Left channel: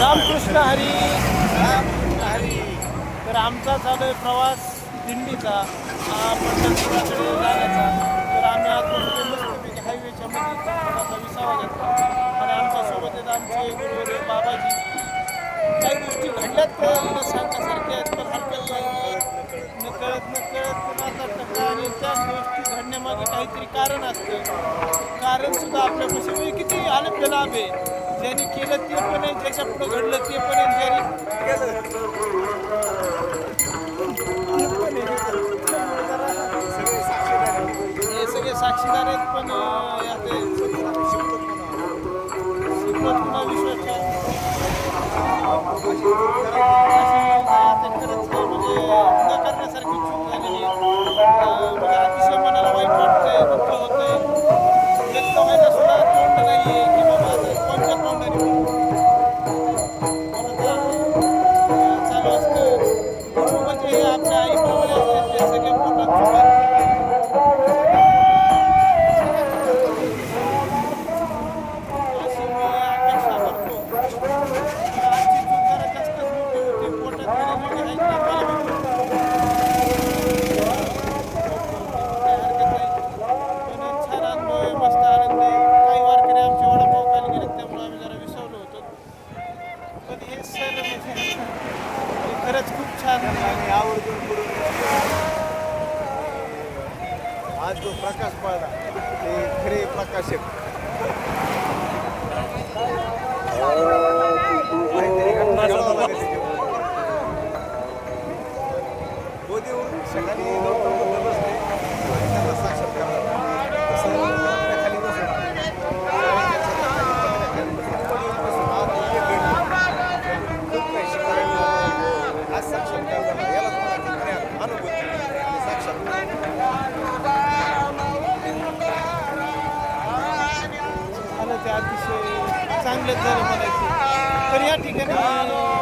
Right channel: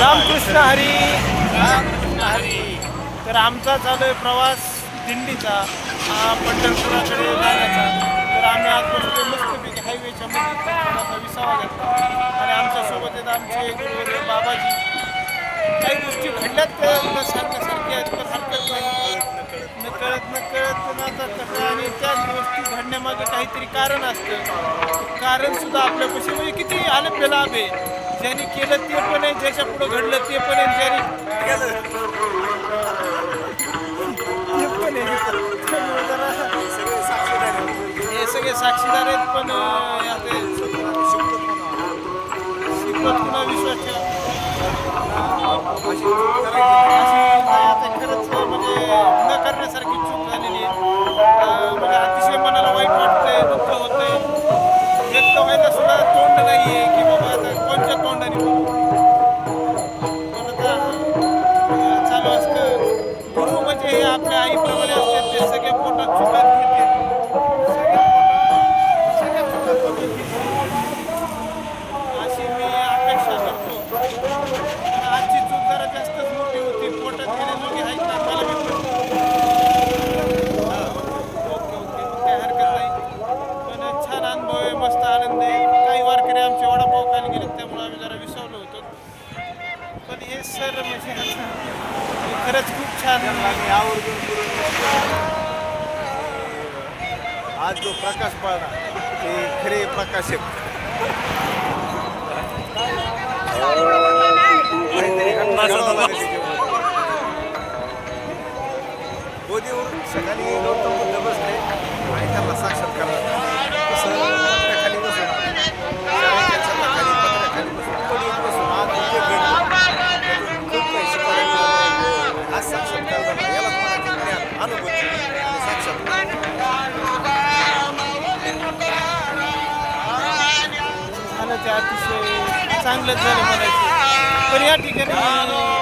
रामकृष्ण हरी. रामकृष्ण हरी. तर आमचा चालू आहे प्रवास दिंडीचा. पंढरपुराकडे जाण्याचा. तर आम्ही आज बसलो हायवेच्या थोडासा विसावा घेतला. आणि आमच्यासोबत आहेत आमचे गुरुवरे बाबाजी. काही गोष्टी घडल्यात त्या आपल्या सारख्यासारख्या आहेत पण हरकत नाही. न कळत न कळत जातात आणि त्याच गोष्टी घडण्यामागे काहीतरी कारण असतं. कारण सुद्धा आपल्यापाशी म्हणजे किती आले लाभ आहे. ज्यांनी केलं ते पण आहे ज्याच्या पुढे घडलं ते पण आहे ज्यांनी केलं ते पण आहे. त्यामुळे जरा सगळे साक्षीदार आहेत. हे सगळे साक्षीदार आहेत पण. शिकवत पुन्हा विश्वास अशी चूक करायची आता खरंच म्हणजे न करण्यासारखी चूक झालेली आहे. म्हणजे अतिशय मनाला वाईट वाटतंय दुःख होतंय. व्यक्त व्हायला सुद्धा तोंड नाही आहे खरंच खूप छान मी आवर्जून करून घेतलं. आज जो प्रकाश पाळला ते खरे प्रकाशक. बोधीवरून सकाळी गौतम बुद्ध बसले आणि त्यांना साक्षात्कार झाला. तसं अनुभूती आणि साक्षात्कार झालं ते अतिशय चांगलंच झालं म्हणायचं पण या ठिकाणी